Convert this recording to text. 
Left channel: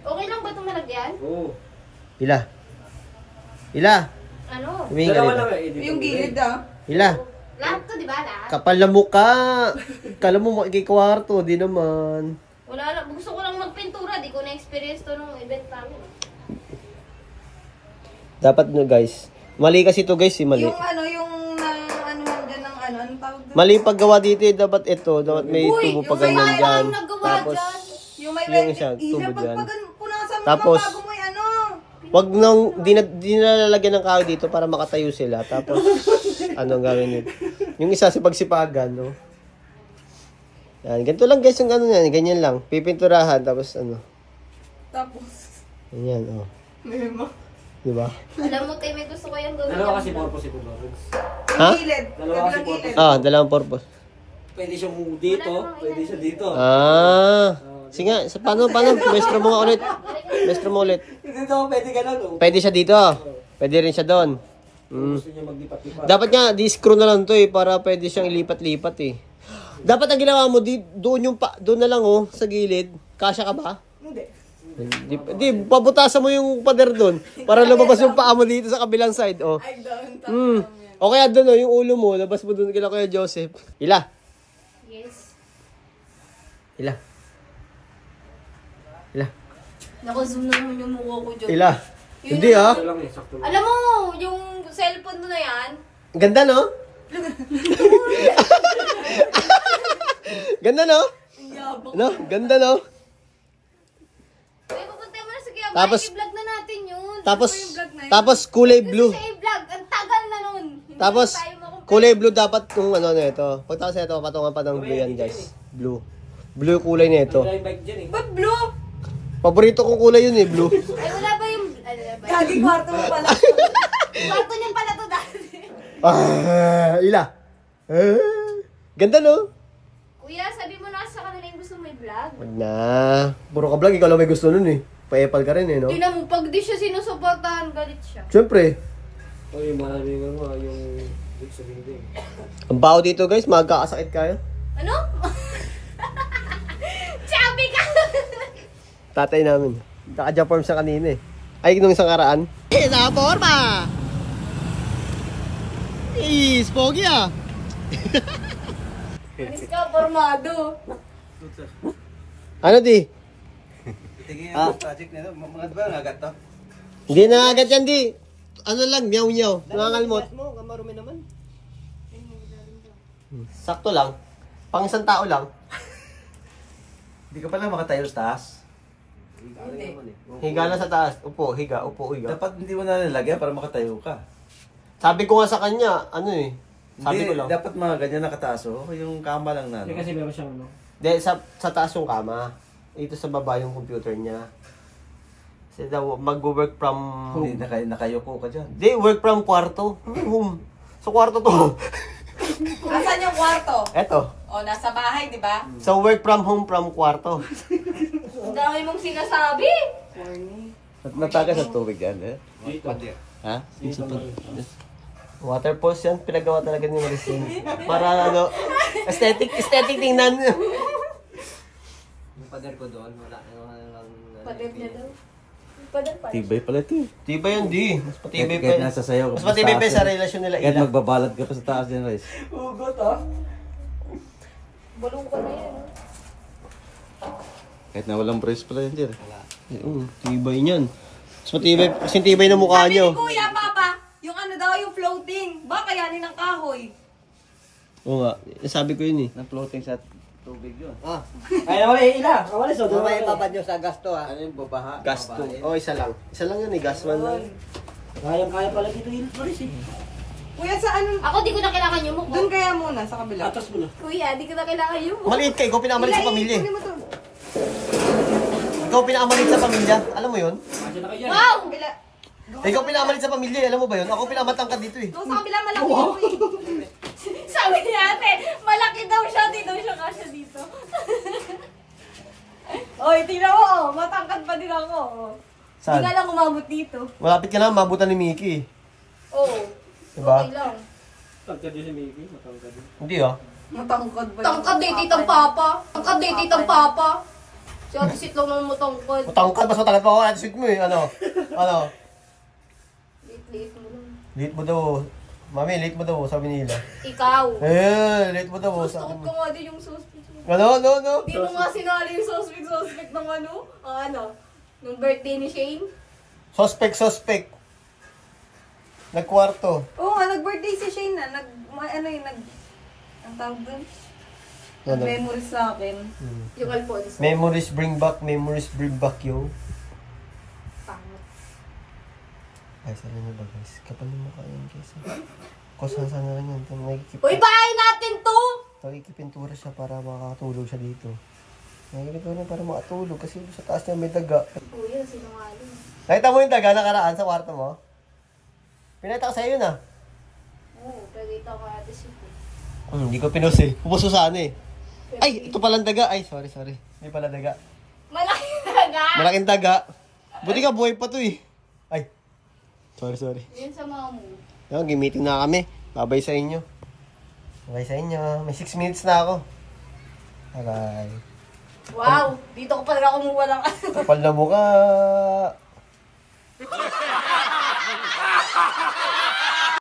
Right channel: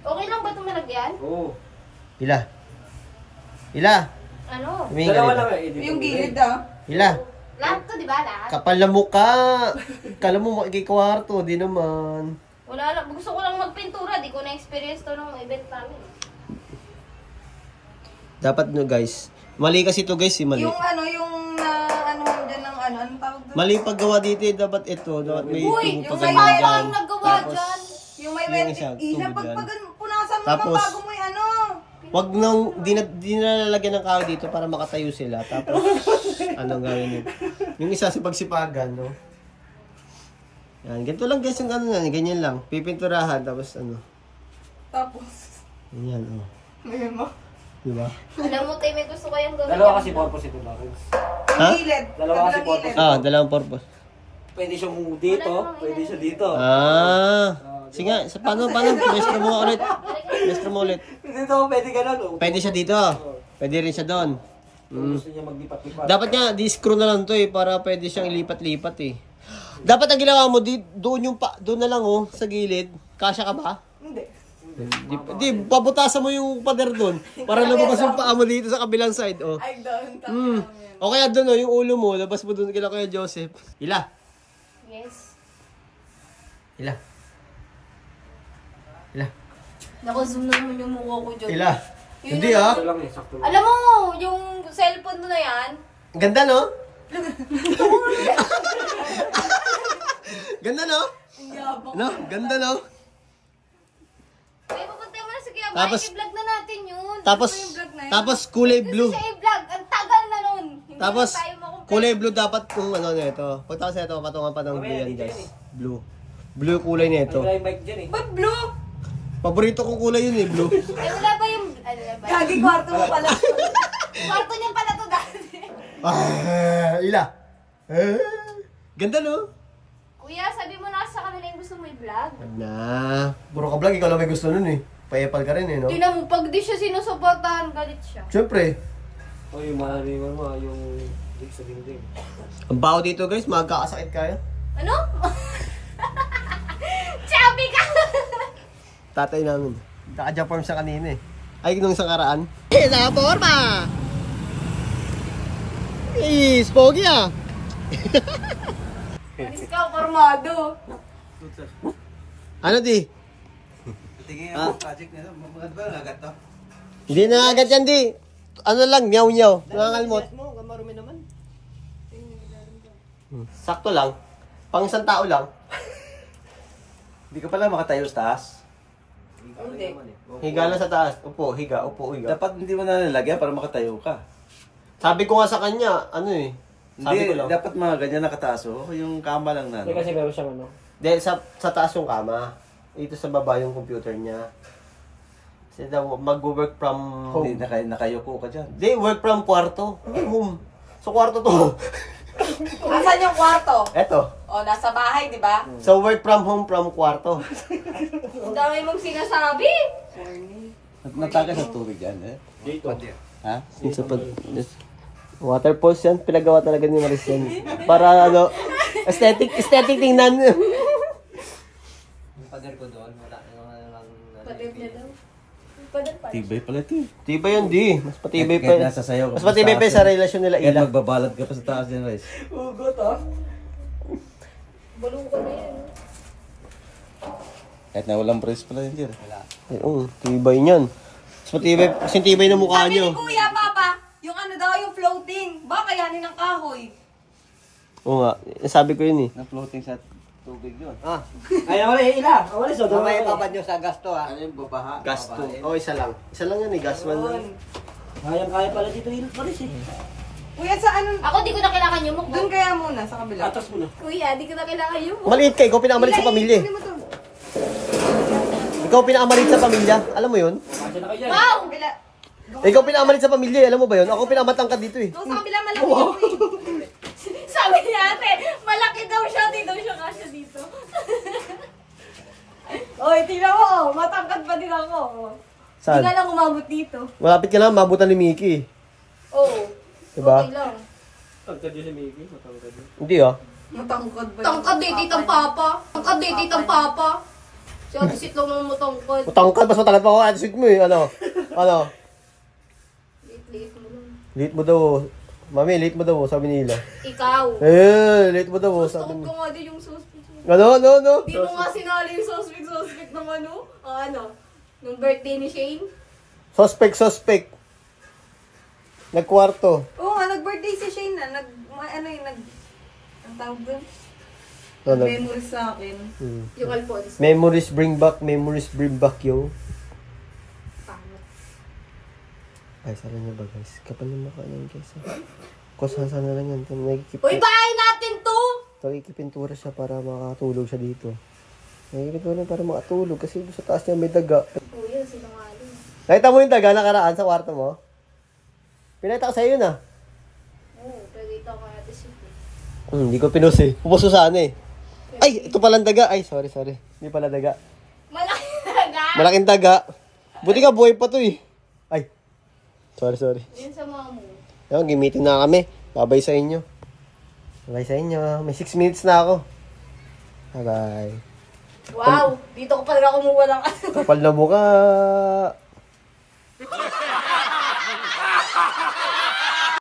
Okay lang ba itong malagyan? Oo. Ila. Ila. Ano? Dalawa lang eh. Yung gilid ah. Ila. Lahat to, di ba? Lahat? Kapal na mukha. Kala mo makikikwarto. Di naman. Wala lang. Gusto ko lang magpintura. Di ko na-experience to nung event namin. Dapat nyo guys. Mali kasi to guys. Mali. Yung ano, yung anuhan dyan ng ano, anong tawag doon? Mali paggawa dito eh. Dapat ito. Dapat may tubo pa ganyan Yung dyan. naggawa Tapos, dyan. Yung may yung isa, tubo pag dyan. punasan mo Tapos, bago mo yung ano. wag nang, di na lalagyan ng kahoy dito para makatayo sila. Tapos, ano gawin yun? Yung isa sa pagsipagan, no? Yan, ganito lang guys yung ano yan. Ganyan lang. Pipinturahan, tapos ano. Tapos, Ganyan, oh. may mo. Diba? Alam mo, tayo may gusto ko yung gawin. Dalawa kasi purpose ito, Lawrence. Yung Ha? gilid. Dalawa kasi kabilang purpose. gilid. Ah, dalawang purpose. Pwede siya dito, pwede siya dito. Ah. Sige nga, paano? Maestro mo nga ulit. Maestro mo ulit. Dito, pwede ganun. Pwede siya dito. Pwede rin siya doon. Gusto niya maglipat-lipat. Dapat nga, di-screw na lang to eh, para pwede siyang ilipat-lipat eh. Dapat ang ginawa mo, doon na lang oh, sa gilid. Kasya ka ba? Hindi. Di, pabutasan mo yung pader doon, para lumabas yung paa mo dito sa kabilang side, oh. Ay, doon. O kaya doon oh, yung ulo mo, labas mo doon kila Kuya Joseph. Ila. Yes. Ila. Ila. Naka-zoom naman yung mukha ko dyan. Ila. Yun Hindi na- ah. Ito lang eh, sakto lang. Alam mo, yung cellphone mo na yan, Ganda no? Ganda no? No? Ganda no? may pupunta mo na sa kaya Tapos- i-vlog na natin yun. Tapos, yung vlog na yun? tapos kulay blue. Kasi i-vlog, ang tagal na nun. Hindi Tapos, na tayo makumpleto. kulay blue dapat kung ano na ito. Pagtapos na ito, patungan pa ng blue yan guys. Blue. Blue yung kulay na ito. May mic dyan eh. Ba't blue? Paborito kong kulay yun eh, blue. Ay, wala ba yung, ano na ba? Kagi kwarto mo pala. Kwarto niyan pala to dati. Ila. Ganda no? Kuya, sabi mo na sa kanila yung gusto mo i-vlog. Wag na. Puro ka vlog, ikaw lang may gusto nun eh. Pa-epal ka rin eh, no? Tingnan mo, pag di siya sinusuportahan, galit siya. Siyempre. O yung malalingan mo, yung lig sa dingding. Ang baho dito guys, magkakasakit kayo. Ano? Chubby ka! Tatay namin. Naka-Jaform siya kanina eh. Ay, nung isang karaan. Sa forma! Pogi ah! Alis ka, formado. Ano di? Tingin ang project nito, mga ba nagat to? Hindi na agad yan di. Ano lang, nyaw-nyaw. Nangangalmot. mo, kamarumi naman. Sakto lang. Pang isang tao lang. Hindi ka pala makatayo sa taas. Higa lang sa taas. Upo, higa. Dapat hindi mo na nalagyan para makatayo ka. Sabi ko nga sa kanya, ano eh. Sabi ko Hindi, lang. dapat mga ganyan nakataas oh. Yung kama lang na. Hindi kasi meron siyang ano. Hindi, sa taas yung kama. Ito sa baba yung computer niya. Kasi daw, mag-work from Hindi, home. nakayuko ka dyan. Hindi, work from kwarto. Hindi, home. Sa kwarto to. Asan yung kwarto? Eto. O, nasa bahay, di ba? So, work from home from kwarto. Ang dami mong sinasabi. Natakas sa tubig yan eh. Dito. Ha? Sa water pose yan, pinagawa talaga ni Maricel. Para ano, aesthetic tingnan. Yung pader ko doon, wala lang. Pader niya daw. Pader pa. Tibay pala ito. Tibay yun, di. Mas patibay Kahit pa. nasa sayo. Mas patibay pa sa relasyon nila. Kahit Ila. magbabalad ka pa sa taas din, Rice. Ugot ah. Bulong ko na yan. Kahit na walang brace pala yan, Jer. Oo, tibay niyan. Mas patibay, kasi tibay na mukha Sabi niyo. ni Kuya, Papa, yung ano daw, yung floating. Baka yanin ng kahoy. Oo nga, sabi ko yun eh. Na floating sa tubig yun. Ay, wala ila. Wala so doon. Mamaya papad nyo sa gasto ha. Ano yung babaha? Gasto. Oh, isa lang. Isa lang yan eh, gas man lang. Kaya pala dito yung Maris eh. Kuya, sa ano? Ako di ko na kailangan yung mukha. Doon kaya muna, sa kabila. Atas mo na. Kuya, di ko na kailangan yung mukha. Maliit ka, ikaw pinakamalit sa pamilya eh. Kunin mo to. Ikaw pinakamalit sa pamilya. Alam mo yun? Kasi na kayo. Wow! Kabila. Ikaw pinakamalit sa pamilya, alam mo ba yun? Ako pinakamatangkad dito eh. Doon sa kabila, malaki wow. Sabi ni ate, malaki daw siya, di daw siya kasya dito. Oy, tingnan mo, oh. Matangkad pa din ako. Oh. Di Saan? nga lang umabot dito. Malapit ka lang, mabutan ni Mickey. Oo. Diba? Okay lang. Tangkad yun si Mickey. Matangkad yun. Hindi ah. Matangkad ba? Tangkad eh, titang papa. Tangkad eh, titang papa. Si Ate Sit lang naman matangkad. Matangkad, mas matangkad pa ako. Ate Sweet mo eh. Ano? Liit-liit mo lang. Late mo daw. Mami, late mo daw. Sabi nila. Ikaw. Late mo daw. Gusto Sabi ko nga din yung suspect. Ano? Hindi mo nga sinali yung suspect ng ano? Nung birthday ni Shane. Suspect. Nagkwarto. Oo nga, nag-birthday si Shane na. Ang tawag dun? Nag-memories sa akin. Yung Alfonso. Memories bring back yung. Pangat. Guys, alam niyo ba guys? Kapal yung mukha yan guys. Kusasa na lang yan. Uy, bahay natin to! Nakikipintura siya para makatulog siya dito. Nakikipintura para makatulog kasi sa taas niya may daga. Kuya, sinungaling. Nakita mo yung daga nakaraan sa kwarto mo? Pinakita ko sa'yo yun ah. Oo, pagkita ko Ate Sit. Hindi ko pinus eh. Pupuso saan eh. Ay, ito palang daga. Ay, sorry. Hindi pala daga. Malaking daga! Malaking daga. Buti nga buhay pa to eh. Ay. Sorry. Din sa mga mo. Ayun, gimitin na kami. Babay sa inyo. Babay sa inyo. May 6 minutes na ako. Bye. Wow! Dito ko pala kumuha ng ano. Kapal na mukha.